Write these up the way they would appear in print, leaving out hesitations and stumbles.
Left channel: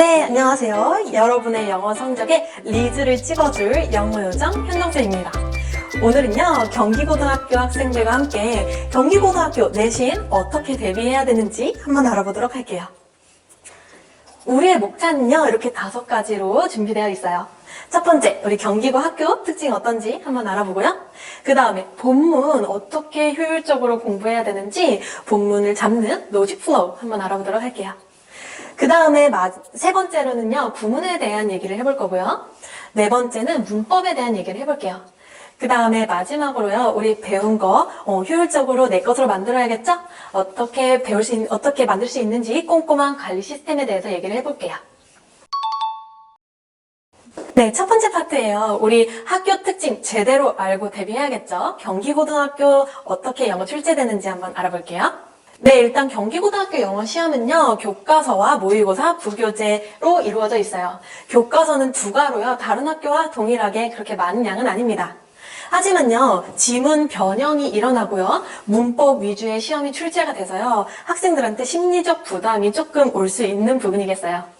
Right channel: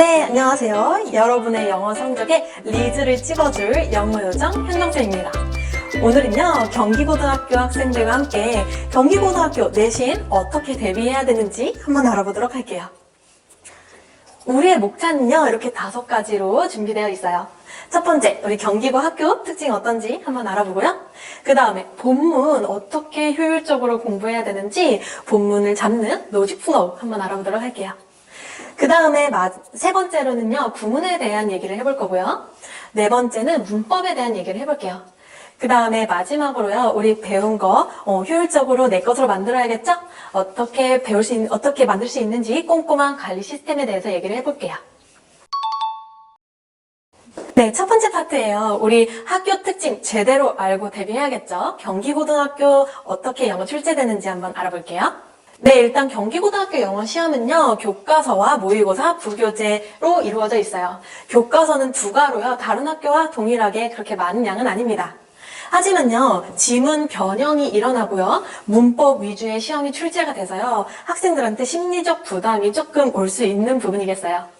네, 안녕하세요. 여러분의 영어 성적에 리즈를 찍어줄 영어요정 현정쌤입니다. 오늘은요, 경기고등학교 학생들과 함께 경기고등학교 내신 어떻게 대비해야 되는지 한번 알아보도록 할게요. 우리의 목차는요, 이렇게 5가지로 준비되어 있어요. 첫 번째, 우리 경기고 학교 특징이 어떤지 한번 알아보고요. 그 다음에 본문 어떻게 효율적으로 공부해야 되는지 본문을 잡는 로직 플로우 한번 알아보도록 할게요. 그 다음에 세 번째로는요, 구문에 대한 얘기를 해볼 거고요. 네 번째는 문법에 대한 얘기를 해볼게요. 그 다음에 마지막으로요, 우리 배운 거 효율적으로 내 것으로 만들어야겠죠? 어떻게 만들 수 있는지 꼼꼼한 관리 시스템에 대해서 얘기를 해볼게요. 네, 첫 번째 파트예요. 우리 학교 특징 제대로 알고 대비해야겠죠? 경기고등학교 어떻게 영어 출제되는지 한번 알아볼게요. 네, 일단 경기고등학교 영어 시험은요, 교과서와 모의고사, 부교재로 이루어져 있어요. 교과서는 2과로요, 다른 학교와 동일하게 그렇게 많은 양은 아닙니다. 하지만요, 지문 변형이 일어나고요, 문법 위주의 시험이 출제가 돼서요, 학생들한테 심리적 부담이 조금 올 수 있는 부분이겠어요.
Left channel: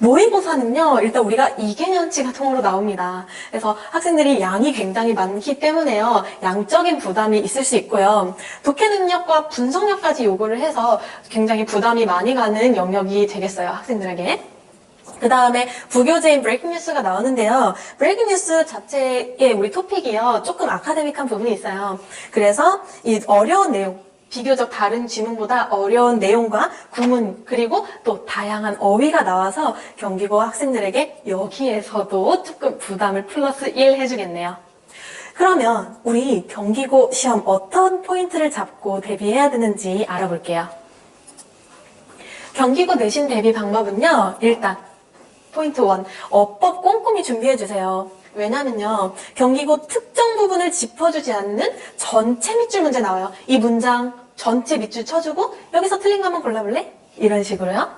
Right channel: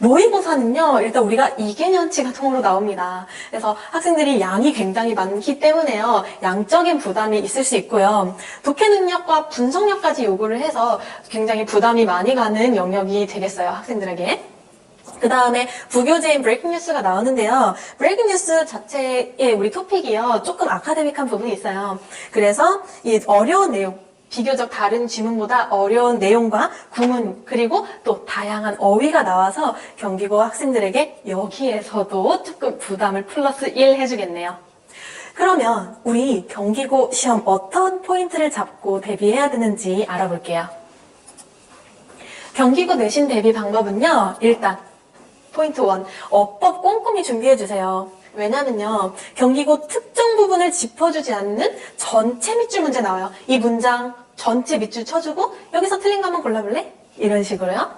모의고사는요, 일단 우리가 2개년치가 통으로 나옵니다. 그래서 학생들이 양이 굉장히 많기 때문에요, 양적인 부담이 있을 수 있고요. 독해 능력과 분석력까지 요구를 해서 굉장히 부담이 많이 가는 영역이 되겠어요, 학생들에게. 그 다음에 부교재인 브레이킹 뉴스가 나오는데요. 브레이킹 뉴스 자체의 우리 토픽이요, 조금 아카데믹한 부분이 있어요. 그래서 이 어려운 내용, 비교적 다른 지문보다 어려운 내용과 구문, 그리고 또 다양한 어휘가 나와서 경기고 학생들에게 여기에서도 조금 부담을 플러스 1 해주겠네요. 그러면 우리 경기고 시험 어떤 포인트를 잡고 대비해야 되는지 알아볼게요. 경기고 내신 대비 방법은요, 일단 포인트 1, 어법 꼼꼼히 준비해주세요. 왜냐면요, 경기고 특정 부분을 짚어주지 않는 전체 밑줄 문제 나와요. 이 문장 전체 밑줄 쳐주고 여기서 틀린 거 한번 골라볼래? 이런 식으로요.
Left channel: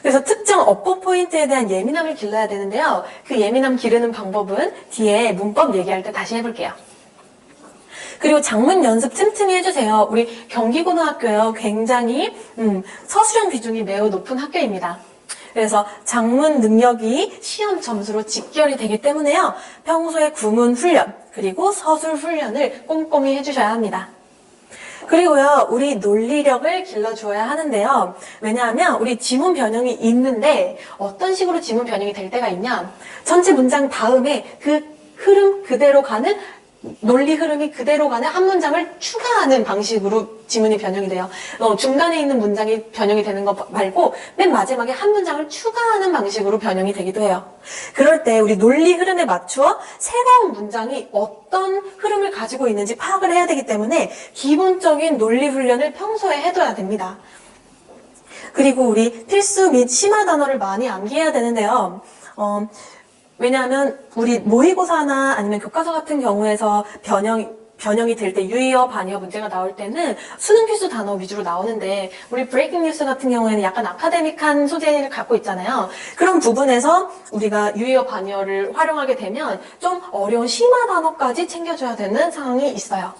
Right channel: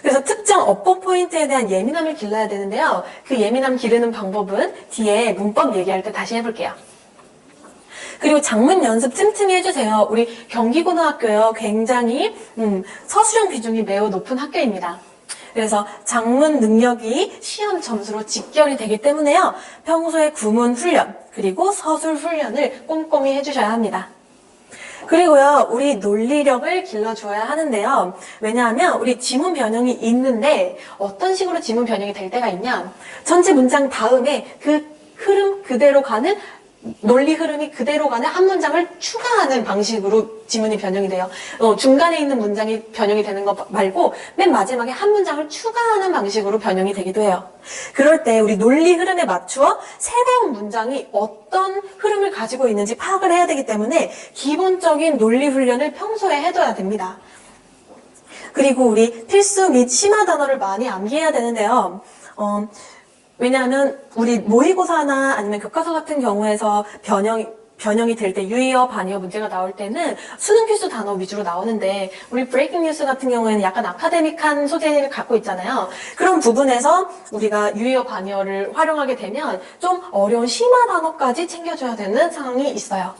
그래서 특정 어법 포인트에 대한 예민함을 길러야 되는데요. 그 예민함 기르는 방법은 뒤에 문법 얘기할 때 다시 해볼게요. 그리고 장문 연습 틈틈이 해주세요. 우리 경기고등학교요, 굉장히 서술형 비중이 매우 높은 학교입니다. 그래서 장문 능력이 시험 점수로 직결이 되기 때문에요, 평소에 구문 훈련, 그리고 서술 훈련을 꼼꼼히 해주셔야 합니다. 그리고요, 우리 논리력을 길러주어야 하는데요. 왜냐하면 우리 지문 변형이 있는데 어떤 식으로 지문 변형이 될 때가 있냐, 전체 문장 다음에 그 흐름 그대로 가는, 논리 흐름이 그대로 가는 한 문장을 추가하는 방식으로 지문이 변형이 돼요. 중간에 있는 문장이 변형이 되는 거 말고 맨 마지막에 한 문장을 추가하는 방식으로 변형이 되기도 해요. 그럴 때 우리 논리 흐름에 맞추어 새로운 문장이 어떤 흐름을 가지고 있는지 파악을 해야 되기 때문에 기본적인 논리 훈련을 평소에 해둬야 됩니다. 그리고 우리 필수 및 심화 단어를 많이 암기해야 되는데요. 왜냐하면 우리 모의고사나 아니면 교과서 같은 경우에서 변형이 될 때 유의어, 반의어 문제가 나올 때는 수능 필수 단어 위주로 나오는데, 우리 브레이킹 뉴스 같은 경우에는 약간 아카데믹한 소재를 갖고 있잖아요. 그런 부분에서 우리가 유의어, 반의어를 활용하게 되면 좀 어려운 심화 단어까지 챙겨줘야 되는 상황이 있어요.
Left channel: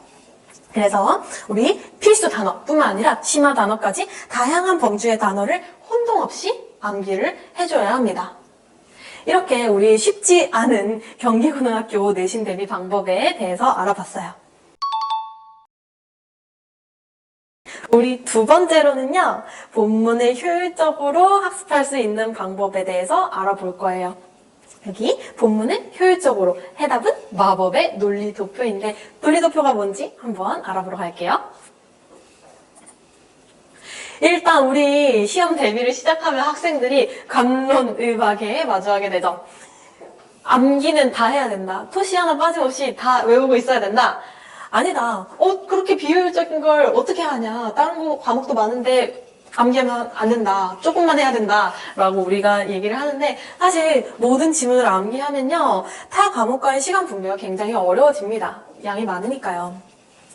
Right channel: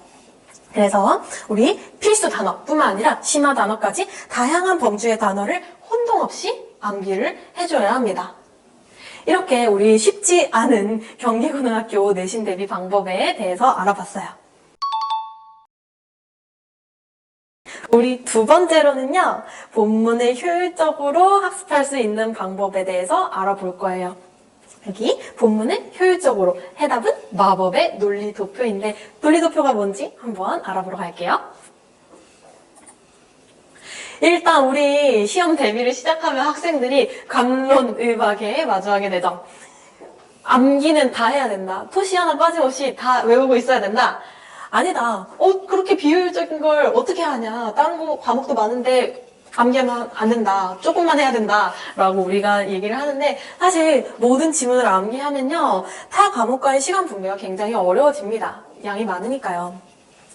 그래서 우리 필수 단어뿐만 아니라 심화 단어까지 다양한 범주의 단어를 혼동 없이 암기를 해줘야 합니다. 이렇게 우리 쉽지 않은 경기고등학교 내신 대비 방법에 대해서 알아봤어요. 우리 2번째로는요, 본문을 효율적으로 학습할 수 있는 방법에 대해서 알아볼 거예요. 여기 본문을 효율적으로, 해답은 마법의 논리도표인데, 논리도표가 뭔지 한번 알아보러 갈게요. 일단 우리 시험 대비를 시작하면 학생들이 갑론의박에 마주하게 되죠. 암기는 다 해야 된다. 토시 하나 빠짐없이 다 외우고 있어야 된다. 아니다. 그렇게 비효율적인 걸 어떻게 하냐. 다른 과목도 많은데 암기하면 안 된다. 조금만 해야 된다. 라고 우리가 얘기를 하는데, 사실 모든 지문을 암기하면요, 타 과목과의 시간 분배가 굉장히 어려워집니다. 양이 많으니까요.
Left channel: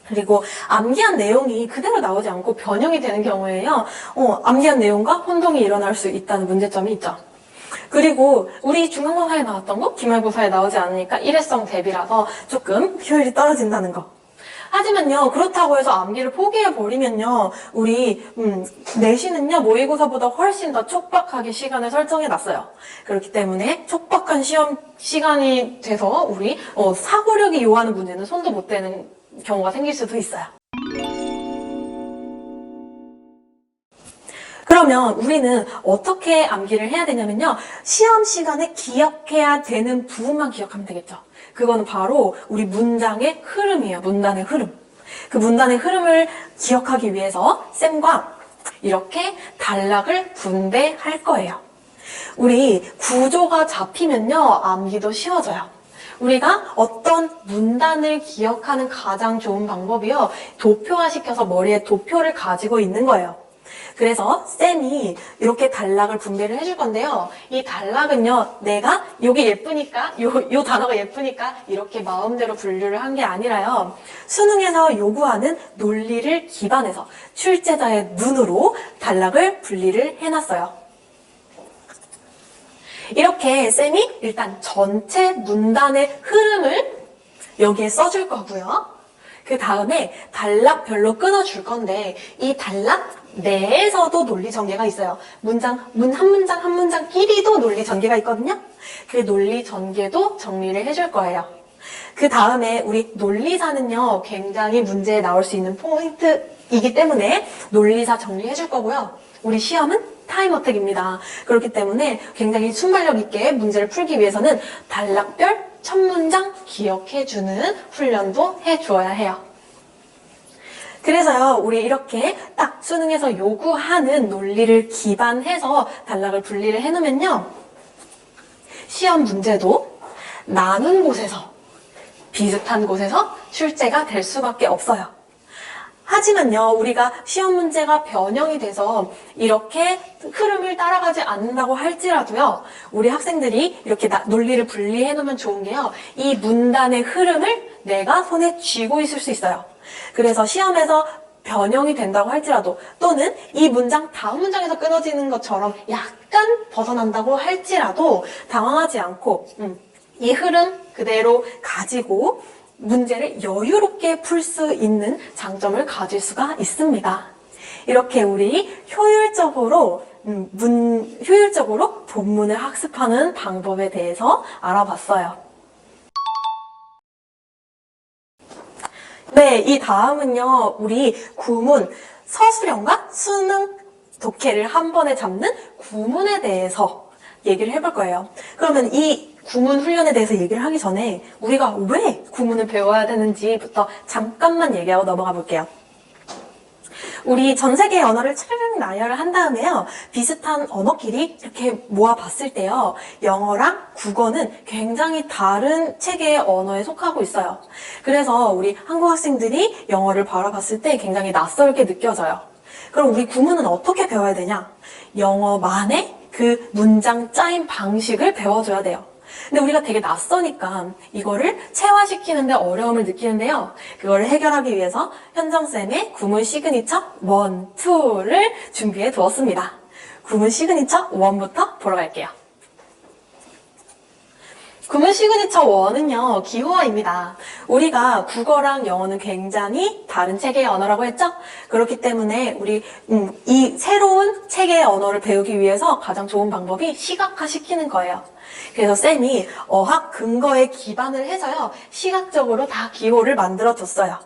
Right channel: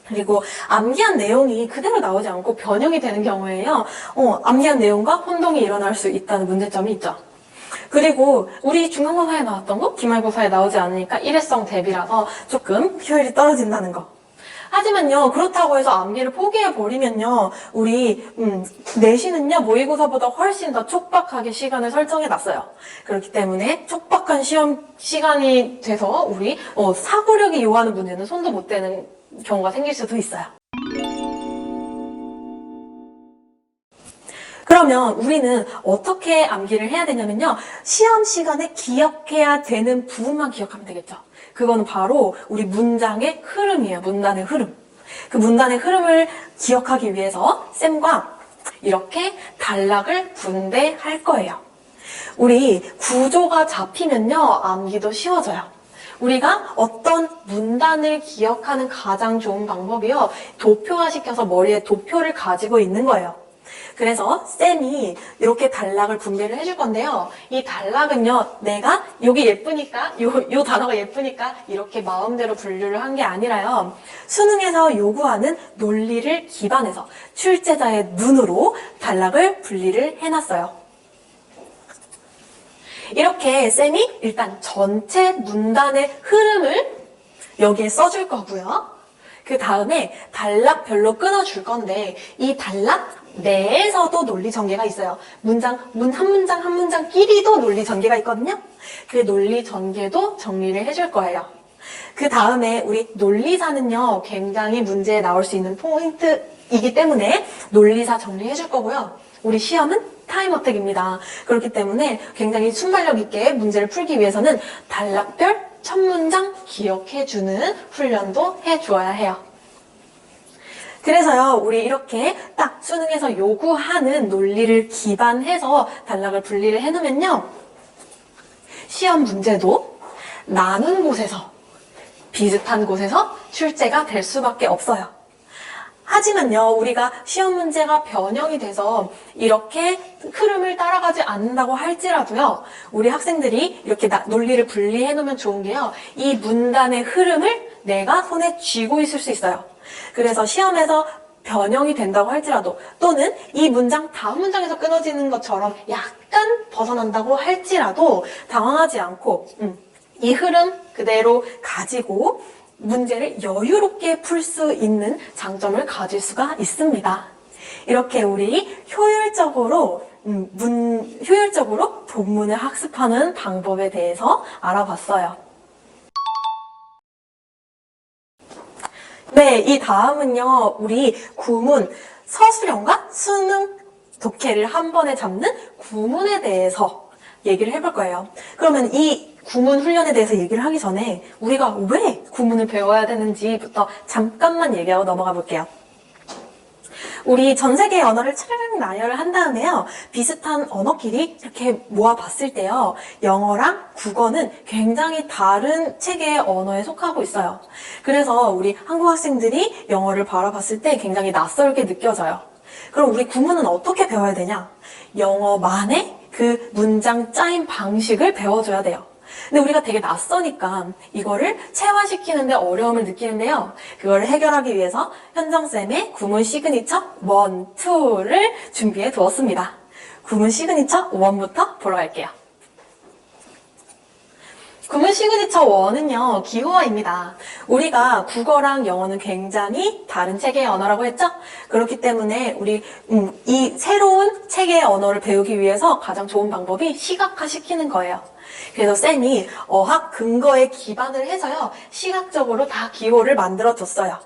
그리고 암기한 내용이 그대로 나오지 않고 변형이 되는 경우에요, 암기한 내용과 혼동이 일어날 수 있다는 문제점이 있죠. 그리고 우리 중간고사에 나왔던 거 기말고사에 나오지 않으니까 일회성 대비라서 조금 효율이 떨어진다는 거. 하지만요, 그렇다고 해서 암기를 포기해버리면요, 우리, 내신은요, 모의고사보다 훨씬 더 촉박하게 시간을 설정해놨어요. 그렇기 때문에 촉박한 시험 시간이 돼서 우리, 사고력이 요하는 문제는 손도 못 대는 경우가 생길 수도 있어요. 그러면 우리는 어떻게 암기를 해야 되냐면요. 시험 시간에 기억해야 되는 부분만 기억하면 되겠죠. 그거는 바로 우리 문장의 흐름이에요. 문단의 흐름. 그 문단의 흐름을 기억하기 위해서 쌤과 이렇게 단락을 분배할 거예요. 우리 구조가 잡히면요. 암기도 쉬워져요. 우리가 어떤 문단을 기억하는 가장 좋은 방법이요. 도표화시켜서 머리에 도표를 가지고 있는 거예요. 그래서 쌤이 이렇게 단락을 분배를 해줄 건데요. 이 단락은요, 내가 여기 예쁘니까, 요 단어가 예쁘니까 이렇게 마음대로 분류를 한 게 아니라요. 수능에서 요구하는 논리를 기반해서 출제자의 눈으로 단락을 분리를 해놨어요. 이렇게 쌤이 일단 전체 문단의 흐름을 여기에 써줄 거고요. 그 다음에 단락별로 끊어줄 건데 이 단락 내에서도 논리 전개가 있어요. 문 한 문장 한 문장끼리도 논리 전개가 있거든요. 그 논리 전개도 정리를 해줄 거예요. 그 다음에 우리 논리사는요, 굉장히 문제에 나올 수 있는 포인트이기 때문에 논리사 정리해줄 거고요. 우리 시험은 타임어택입니다. 그렇기 때문에 굉장히 순발력 있게 문제를 풀기 위해서는 단락별 첫 문장 기억해주는 훈련도 해주어야 해요. 그래서요, 우리 이렇게 딱 수능에서 요구하는 논리를 기반해서 단락을 분리를 해놓으면요, 시험 문제도 나눈 곳에서, 비슷한 곳에서 출제가 될 수밖에 없어요. 하지만요, 우리가 시험 문제가 변형이 돼서 이렇게 흐름을 따라가지 않는다고 할지라도요, 우리 학생들이 이렇게 논리를 분리해 놓으면 좋은 게요, 이 문단의 흐름을 내가 손에 쥐고 있을 수 있어요. 그래서 시험에서 변형이 된다고 할지라도, 또는 이 문장 다음 문장에서 끊어지는 것처럼 약간 벗어난다고 할지라도 당황하지 않고 이 흐름 그대로 가지고 문제를 여유롭게 풀 수 있는 장점을 가질 수가 있습니다. 이렇게 우리 효율적으로 본문을 학습하는 방법에 대해서 알아봤어요. 네, 이 다음은요, 우리 구문, 서술형과 수능 독해를 한 번에 잡는 구문에 대해서 얘기를 해볼 거예요. 그러면 이 구문 훈련에 대해서 얘기를 하기 전에 우리가 왜 구문을 배워야 되는지부터 잠깐만 얘기하고 넘어가 볼게요. 우리 전 세계의 언어를 쫙 나열한 다음에요, 비슷한 언어끼리 이렇게 모아봤을 때요, 영어랑 국어는 굉장히 다른 체계의 언어에 속하고 있어요. 그래서 우리 한국 학생들이 영어를 바라봤을 때 굉장히 낯설게 느껴져요. 그럼 우리 구문은 어떻게 배워야 되냐? 영어만의 그 문장 짜임 방식을 배워줘야 돼요. 근데 우리가 되게 낯서니까 이거를 체화시키는데 어려움을 느끼는데요. 그거를 해결하기 위해서 현정쌤의 구문 시그니처 1, 2를 준비해 두었습니다. 구문 시그니처 1부터 보러 갈게요. 구문 시그니처 1은요, 기호화입니다. 우리가 국어랑 영어는 굉장히 다른 체계의 언어라고 했죠? 그렇기 때문에 우리 이 새로운 체계의 언어를 배우기 위해서 가장 좋은 방법이 시각화시키는 거예요. 그래서 쌤이 어학 근거에 기반을 해서요, 시각적으로 다 기호를 만들어줬어요.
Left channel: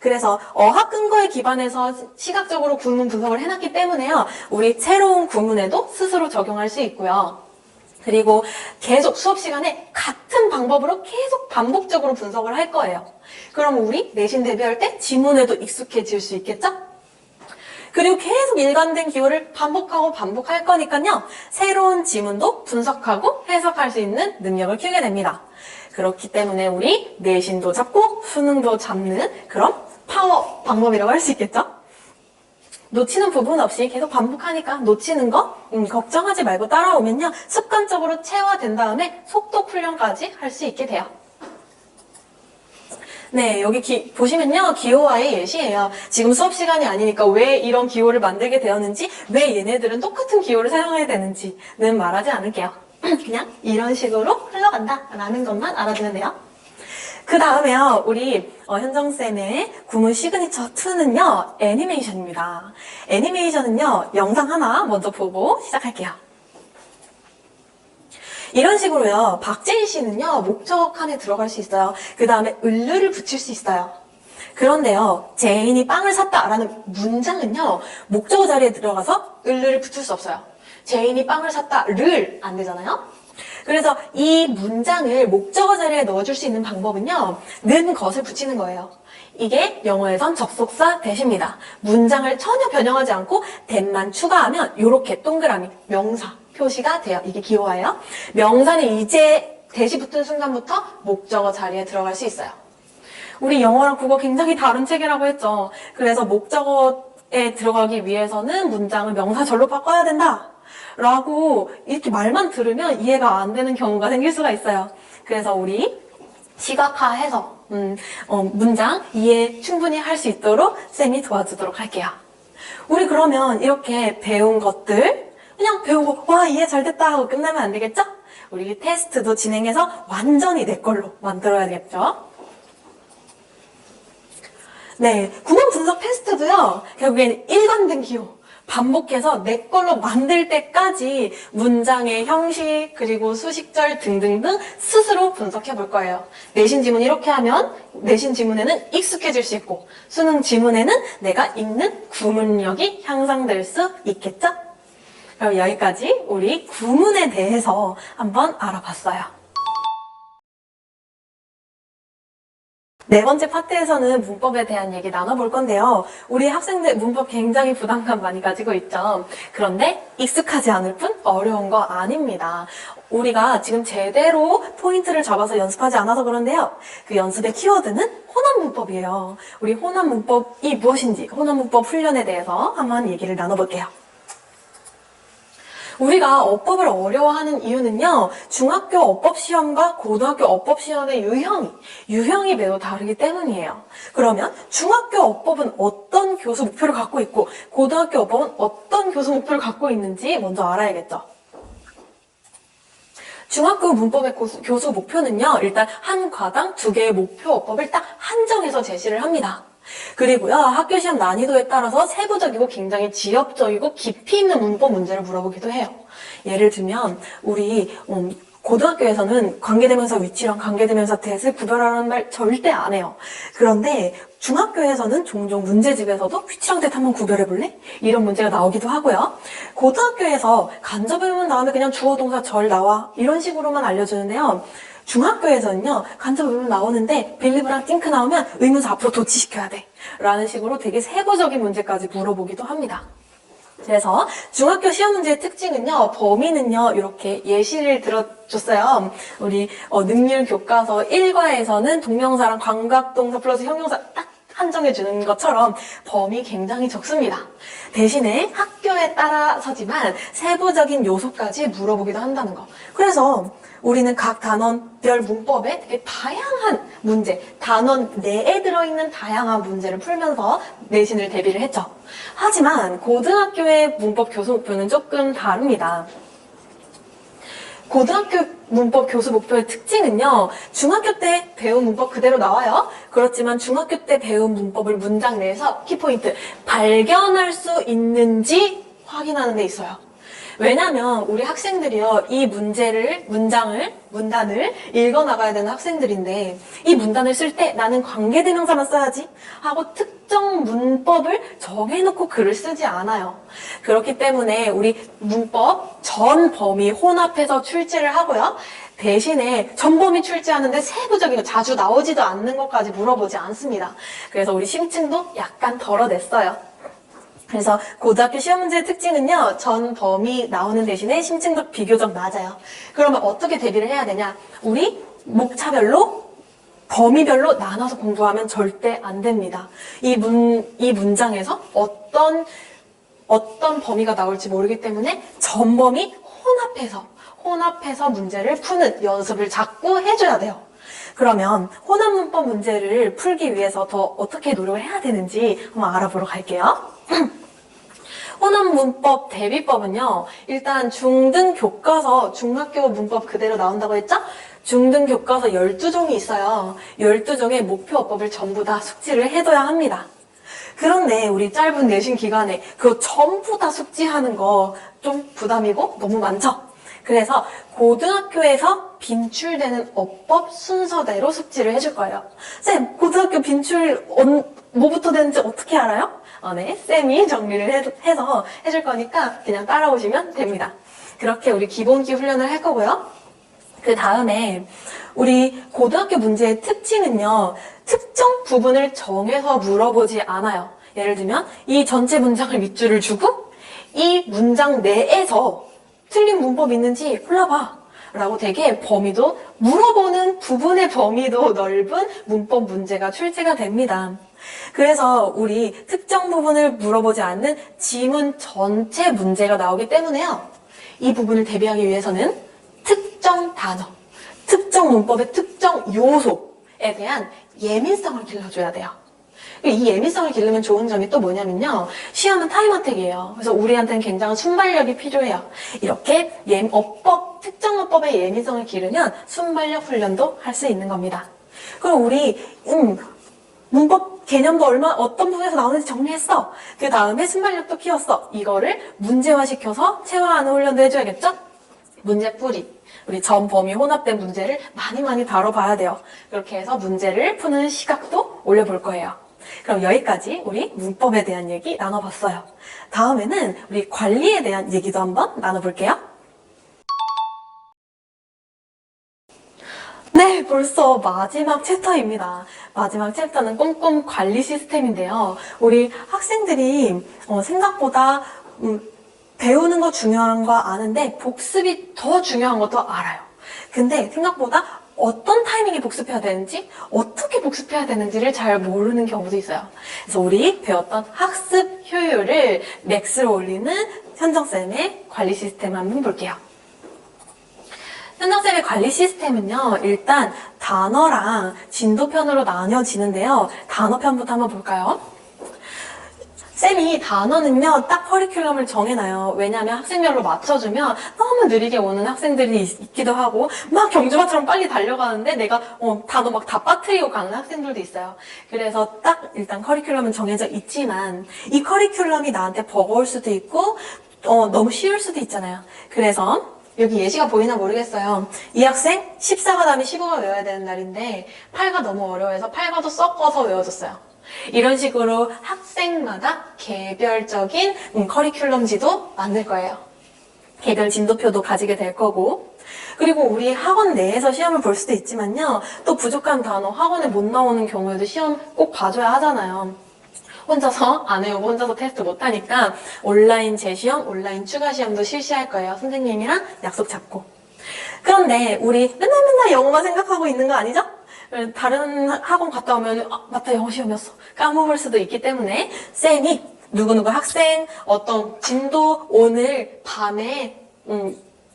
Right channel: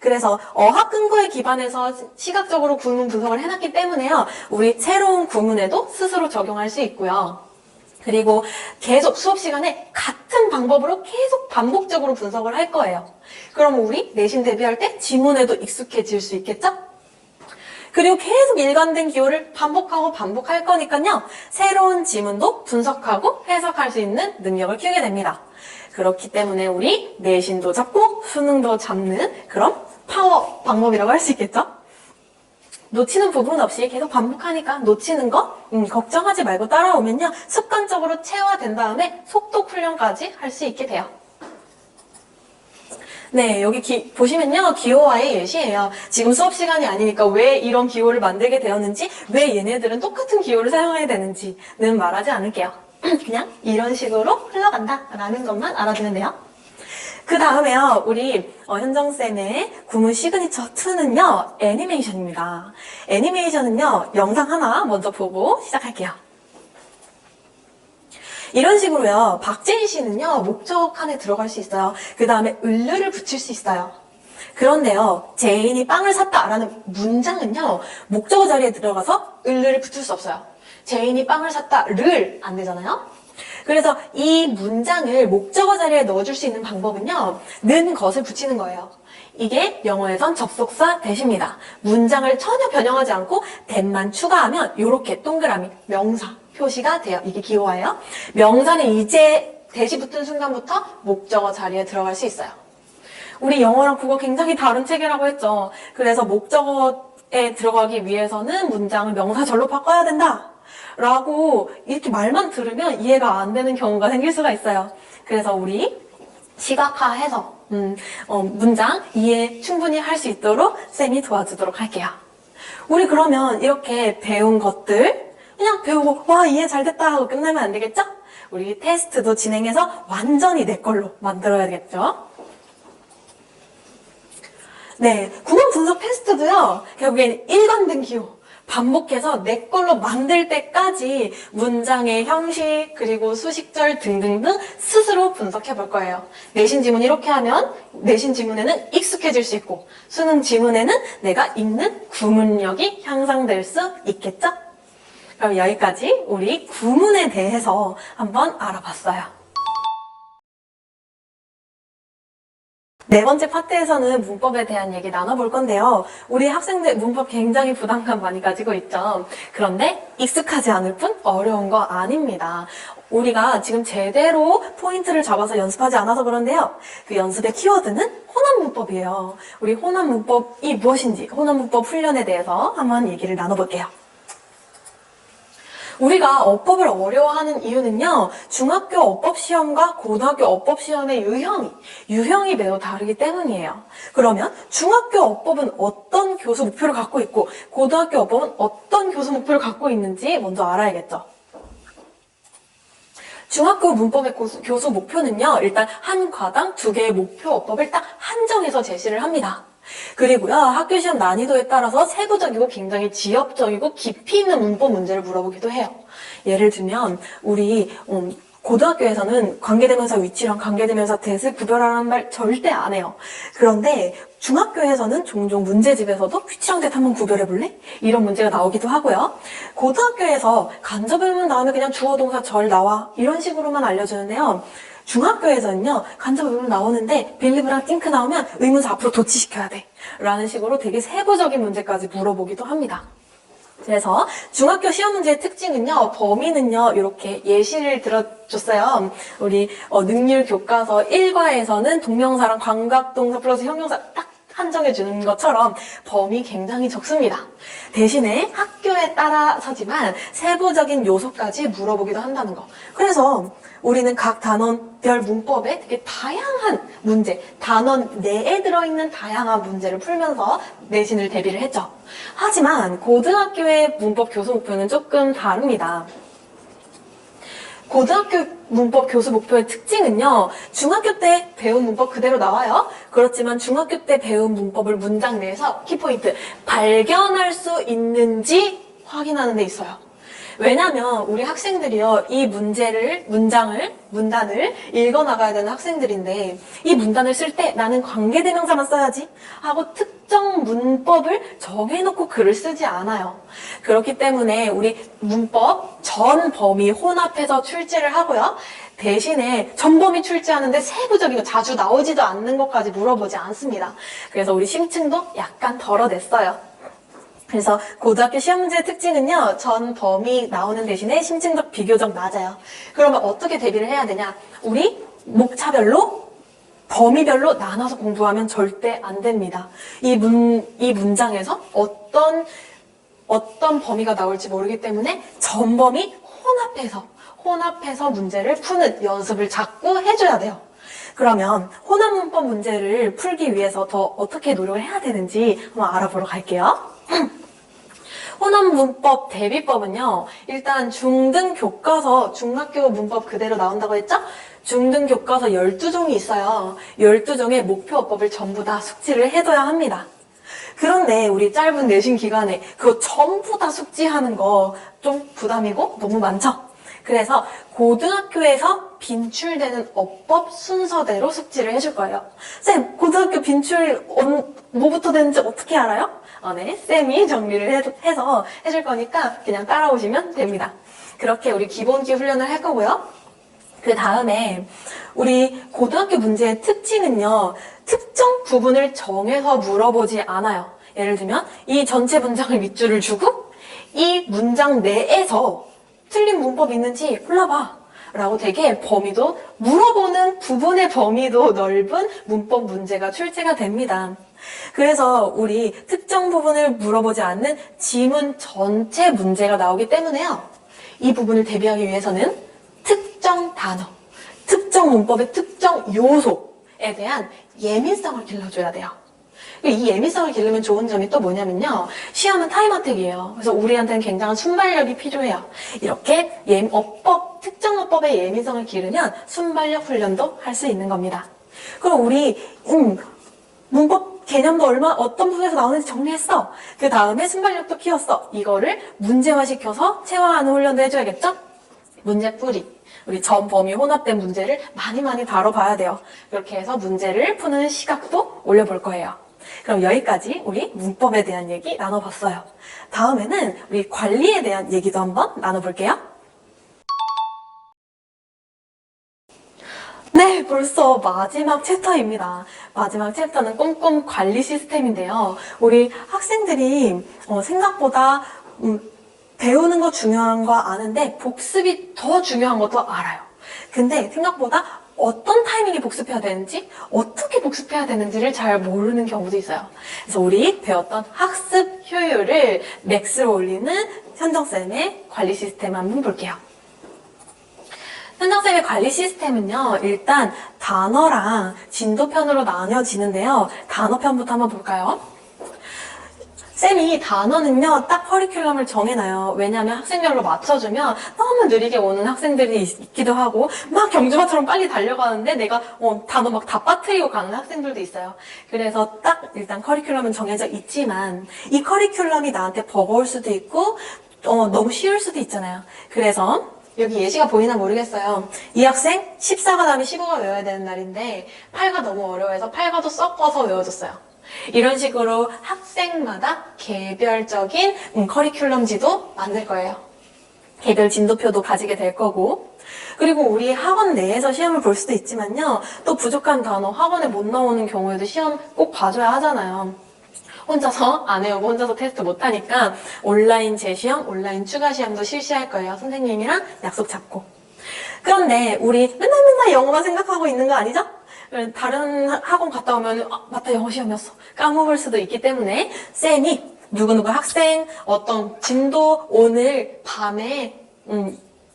그래서 어학 근거에 기반해서 시각적으로 구문 분석을 해놨기 때문에요, 우리 새로운 구문에도 스스로 적용할 수 있고요. 그리고 계속 수업 시간에 같은 방법으로 계속 반복적으로 분석을 할 거예요. 그럼 우리 내신 대비할 때 지문에도 익숙해질 수 있겠죠? 그리고 계속 일관된 기호를 반복할 거니까요, 새로운 지문도 분석하고 해석할 수 있는 능력을 키우게 됩니다. 그렇기 때문에 우리 내신도 잡고 수능도 잡는 그런 파워 방법이라고 할 수 있겠죠? 놓치는 부분 없이 계속 반복하니까 놓치는 거 걱정하지 말고 따라오면요, 습관적으로 체화된 다음에 속독 훈련까지 할 수 있게 돼요. 네, 여기 보시면요, 기호화의 예시예요. 지금 수업 시간이 아니니까 왜 이런 기호를 만들게 되었는지, 왜 얘네들은 똑같은 기호를 사용해야 되는지는 말하지 않을게요. 그냥 이런 식으로 흘러간다 라는 것만 알아두면 돼요. 그 다음에요, 우리 현정쌤의 구문 시그니처 2는요, 애니메이션입니다. 애니메이션은요, 영상 하나 먼저 보고 시작할게요. 이런 식으로요, 박재희 씨는요, 목적 칸에 들어갈 수 있어요. 그 다음에 을류를 붙일 수 있어요. 그런데요, 제인이 빵을 샀다라는 문장은요, 목적어 자리에 들어가서 을류를 붙일 수 없어요. 제인이 빵을 샀다를 안 되잖아요? 그래서 이 문장을 목적어 자리에 넣어줄 수 있는 방법은요, 는 것을 붙이는 거예요. 이게 영어에선 접속사 대시입니다. 문장을 전혀 변형하지 않고 that만 추가하면 이렇게 동그라미, 명사 표시가 돼요. 이게 기호예요. 명사는 이제 대시 붙은 순간부터 목적어 자리에 들어갈 수 있어요. 우리 영어랑 국어 굉장히 다른 체계라고 했죠. 그래서 목적어에 들어가기 위해서는 문장을 명사절로 바꿔야 된다. 라고 이렇게 말만 들으면 이해가 안 되는 경우가 생길 수가 있어요. 그래서 우리 시각화해서 문장 이해 충분히 할 수 있도록 쌤이 도와주도록 할게요. 우리 그러면 이렇게 배운 것들 그냥 배우고 와 이해 잘 됐다 하고 끝내면 안 되겠죠? 우리 테스트도 진행해서 완전히 내 걸로 만들어야겠죠? 네, 구문 분석 테스트도요, 결국엔 일관된 기호, 반복해서 내 걸로 만들 때까지 문장의 형식, 그리고 수식절 등등등 스스로 분석해 볼 거예요. 내신 지문 이렇게 하면 내신 지문에는 익숙해질 수 있고, 수능 지문에는 내가 읽는 구문력이 향상될 수 있겠죠? 그럼 여기까지 우리 구문에 대해서 한번 알아봤어요. 네 번째 파트에서는 문법에 대한 얘기 나눠볼 건데요. 우리 학생들 문법 굉장히 부담감 많이 가지고 있죠. 그런데 익숙하지 않을 뿐 어려운 거 아닙니다. 우리가 지금 제대로 포인트를 잡아서 연습하지 않아서 그런데요. 그 연습의 키워드는 호남 문법이에요. 우리 호남 문법이 무엇인지, 호남 문법 훈련에 대해서 한번 얘기를 나눠볼게요. 우리가 어법을 어려워하는 이유는요, 중학교 어법시험과 고등학교 어법시험의 유형이 매우 다르기 때문이에요. 그러면 중학교 어법은 어떤 교수 목표를 갖고 있고, 고등학교 어법은 어떤 교수 목표를 갖고 있는지 먼저 알아야겠죠. 중학교 문법의 교수 목표는요, 일단 한 과당 2개의 목표 어법을 딱 한정해서 제시를 합니다. 그리고요, 학교 시험 난이도에 따라서 세부적이고 굉장히 지엽적이고 깊이 있는 문법 문제를 물어보기도 해요. 예를 들면 우리 고등학교에서는 관계대명사 위치랑 관계대명사 대을 구별하라는 말 절대 안 해요. 그런데 중학교에서는 종종 문제집에서도 위치랑 대 한번 구별해볼래? 이런 문제가 나오기도 하고요. 고등학교에서 간접의문 나오면 그냥 주어 동사 절 나와 이런 식으로만 알려주는데요. 중학교에서는요, 간접 의문 나오는데 빌리브랑 띵크 나오면 의문사 앞으로 도치시켜야 돼 라는 식으로 되게 세부적인 문제까지 물어보기도 합니다. 그래서 중학교 시험 문제의 특징은요, 범위는요, 이렇게 예시를 들어줬어요. 우리 능률 교과서 1과에서는 동명사랑 관각동사 플러스 형용사 딱 한정해주는 것처럼 범위 굉장히 적습니다. 대신에 학교에 따라서지만 세부적인 요소까지 물어보기도 한다는 거. 그래서 우리는 각 단원별 문법에 되게 다양한 문제, 단원 내에 들어있는 다양한 문제를 풀면서 내신을 대비를 했죠. 하지만 고등학교의 문법 교수 목표는 조금 다릅니다. 고등학교 문법 교수 목표의 특징은요, 중학교 때 배운 문법 그대로 나와요. 그렇지만 중학교 때 배운 문법을 문장 내에서 키포인트, 발견할 수 있는지 확인하는 데 있어요. 왜냐면 우리 학생들이요, 이 문단을 읽어나가야 되는 학생들인데, 이 문단을 쓸 때 나는 관계대명사만 써야지 하고 특정 문법을 정해놓고 글을 쓰지 않아요. 그렇기 때문에 우리 문법 전 범위 혼합해서 출제를 하고요. 대신에 전 범위 출제하는데 세부적이고 자주 나오지도 않는 것까지 물어보지 않습니다. 그래서 우리 심층도 약간 덜어냈어요. 그래서 고등학교 시험 문제의 특징은요, 전 범위 나오는 대신에 심층도 비교적 낮아요. 그러면 어떻게 대비를 해야 되냐? 우리 목차별로 범위별로 나눠서 공부하면 절대 안 됩니다. 이 문장에서 어떤 범위가 나올지 모르기 때문에 전 범위 혼합해서 문제를 푸는 연습을 자꾸 해줘야 돼요. 그러면 혼합 문법 문제를 풀기 위해서 더 어떻게 노력을 해야 되는지 한번 알아보러 갈게요. 혼합 문법 대비법은요, 일단 중등 교과서 중학교 문법 그대로 나온다고 했죠? 중등 교과서 12종이 있어요. 12종의 목표 어법을 전부 다 숙지를 해둬야 합니다. 그런데 우리 짧은 내신 기간에 그거 전부 다 숙지하는 거 좀 부담이고 너무 많죠? 그래서 고등학교에서 빈출되는 어법 순서대로 숙지를 해줄 거예요. 쌤, 고등학교 빈출 뭐부터 되는지 어떻게 알아요? 네, 쌤이 정리를 해서 해줄 거니까 그냥 따라오시면 됩니다. 그렇게 우리 기본기 훈련을 할 거고요. 그 다음에 우리 고등학교 문제의 특징은요, 특정 부분을 정해서 물어보지 않아요. 예를 들면 이 전체 문장을 밑줄을 주고 이 문장 내에서 틀린 문법이 있는지 골라봐 라고 되게 범위도, 물어보는 부분의 범위도 넓은 문법 문제가 출제가 됩니다. 그래서 우리 특정 부분을 물어보지 않는 지문 전체 문제가 나오기 때문에요. 이 부분을 대비하기 위해서는 특정 단어, 특정 문법의 특정 요소에 대한 예민성을 길러줘야 돼요. 이 예민성을 기르면 좋은 점이 또 뭐냐면요. 시험은 타임어택이에요. 그래서 우리한테는 굉장한 순발력이 필요해요. 이렇게 특정 어법의 예민성을 기르면 순발력 훈련도 할 수 있는 겁니다. 그럼 우리 문법 개념도 어떤 부분에서 나오는지 정리했어. 그 다음에 순발력도 키웠어. 이거를 문제화시켜서 체화하는 훈련도 해줘야겠죠? 문제풀이. 우리 전 범위 혼합된 문제를 많이 다뤄봐야 돼요. 그렇게 해서 문제를 푸는 시각도 올려볼 거예요. 그럼 여기까지 우리 문법에 대한 얘기 나눠봤어요. 다음에는 우리 관리에 대한 얘기도 한번 나눠볼게요. 네, 벌써 마지막 챕터입니다. 마지막 챕터는 꼼꼼 관리 시스템인데요. 우리 학생들이 생각보다 배우는 거 중요한 거 아는데 복습이 더 중요한 것도 알아요. 근데 생각보다 어떤 타이밍에 복습해야 되는지, 어떻게 복습해야 되는지를 잘 모르는 경우도 있어요. 그래서 우리 배웠던 학습 효율을 맥스로 올리는 현정쌤의 관리 시스템 한번 볼게요. 현정쌤의 관리 시스템은요, 일단 단어랑 진도편으로 나뉘어지는데요. 단어편부터 한번 볼까요? 쌤이 단어는요, 딱 커리큘럼을 정해놔요. 왜냐면 학생별로 맞춰주면 너무 느리게 오는 학생들이 있기도 하고, 막 경주마처럼 빨리 달려가는데 내가 단어 막 다 빠뜨리고 가는 학생들도 있어요. 그래서 딱 일단 커리큘럼은 정해져 있지만, 이 커리큘럼이 나한테 버거울 수도 있고, 너무 쉬울 수도 있잖아요. 그래서, 여기 예시가 보이나 모르겠어요. 이 학생 14가 다음에 15가 외워야 되는 날인데, 8가 너무 어려워해서 8과도 섞어서 외워줬어요. 이런 식으로 학생마다 개별적인 커리큘럼지도 만들 거예요. 개별 진도표도 가지게 될 거고, 그리고 우리 학원 내에서 시험을 볼 수도 있지만요, 또 부족한 단어 학원에 못 나오는 경우에도 시험 꼭 봐줘야 하잖아요. 혼자서 안 해오고 혼자서 테스트 못하니까 온라인 재시험, 온라인 추가 시험도 실시할 거예요. 선생님이랑 약속 잡고. 그런데 우리 맨날 영어만 생각하고 있는 거 아니죠? 다른 학원 갔다 오면 맞다, 영어 시험이었어 까먹을 수도 있기 때문에 쌤이 누구누구 학생 어떤 진도 오늘 밤에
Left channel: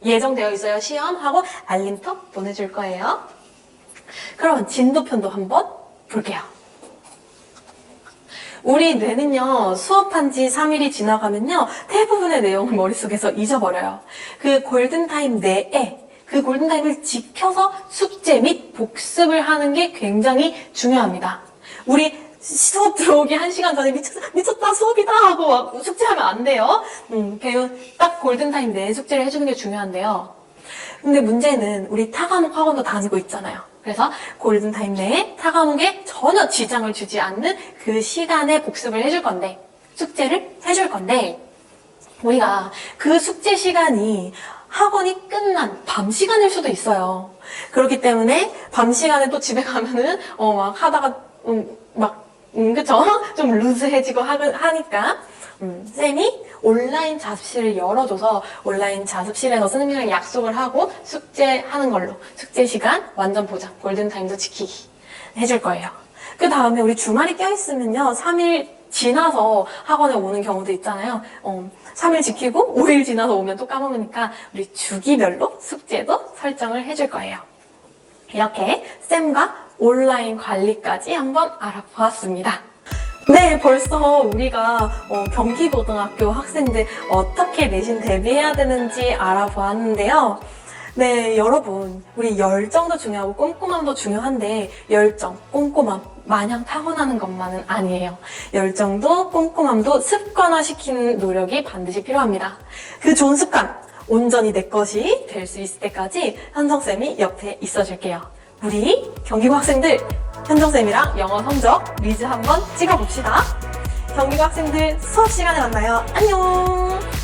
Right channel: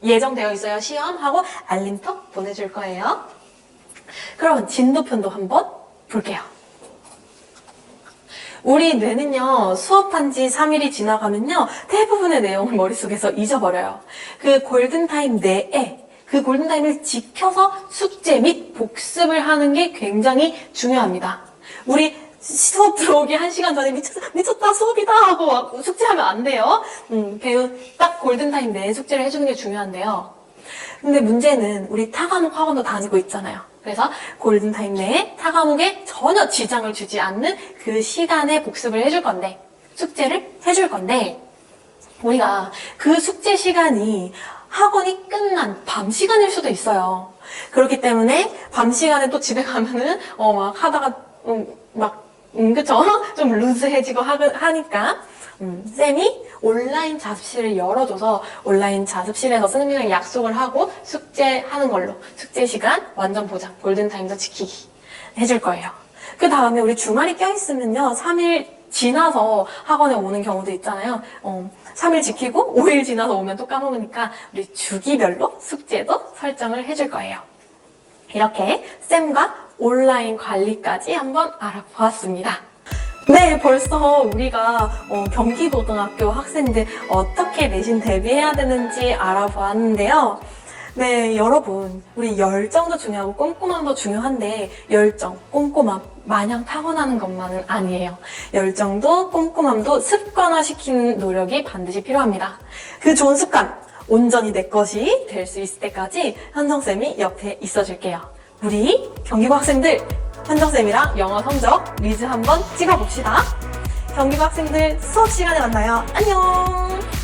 예정되어 있어요, 시험하고 알림톡 보내줄 거예요. 그럼 진도편도 한번 볼게요. 우리 뇌는요, 수업한 지 3일이 지나가면요, 대부분의 내용을 머릿속에서 잊어버려요. 그 골든타임 내에 그 골든타임을 지켜서 숙제 및 복습을 하는 게 굉장히 중요합니다. 우리 수업 들어오기 1시간 전에 미쳤다 수업이다 하고 막 숙제하면 안 돼요. 배운 딱 골든타임 내에 숙제를 해주는 게 중요한데요. 근데 문제는 우리 타과목 학원도 다니고 있잖아요. 그래서 골든타임 내에 타과목에 전혀 지장을 주지 않는 그 시간에 복습을 해줄 건데, 숙제를 해줄 건데, 우리가 그 숙제 시간이 학원이 끝난 밤 시간일 수도 있어요. 그렇기 때문에 밤 시간에 또 집에 가면은 막 하다가 그쵸? 좀 루즈해지고 하니까 쌤이 온라인 자습실을 열어줘서 온라인 자습실에서 선생님이랑 약속을 하고 숙제하는 걸로, 숙제 시간 완전 보장, 골든타임도 지키기 해줄 거예요. 그 다음에 우리 주말이 껴있으면요, 3일 지나서 학원에 오는 경우도 있잖아요. 3일 지키고 5일 지나서 오면 또 까먹으니까 우리 주기별로 숙제도 설정을 해줄 거예요. 이렇게 쌤과 온라인 관리까지 한번 알아보았습니다. 네, 벌써 우리가 경기고등학교 학생들 어떻게 내신 대비해야 되는지 알아보았는데요. 네, 여러분, 우리 열정도 중요하고 꼼꼼함도 중요한데 열정, 꼼꼼함 마냥 타고나는 것만은 아니에요. 열정도 꼼꼼함도 습관화시키는 노력이 반드시 필요합니다. 그 좋은 습관, 온전히 내 것이 될 수 있을 때까지 현정쌤이 옆에 있어줄게요. 우리 경기고 학생들, 현정쌤이랑 영어 성적 리즈 한번 찍어봅시다. 경기고 학생들 수업 시간에 만나요. 안녕!